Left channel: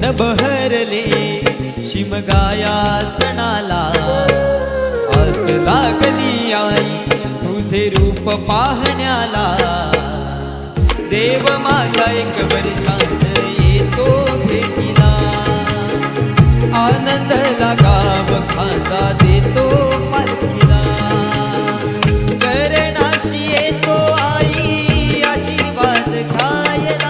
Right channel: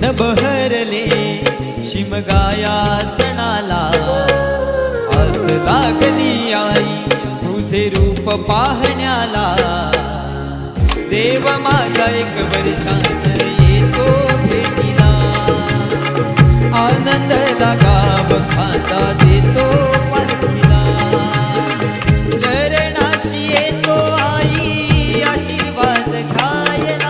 मन बहरले शिमगाया सणाला, आस लागली आई तुझे रूप पाहण्याला। देव माझा एक वर्षान येतो भेटीला, आनंद लागाव खांदा देतो पालखीला। चरणाशी येतो आई आशीर्वाद घ्यायला,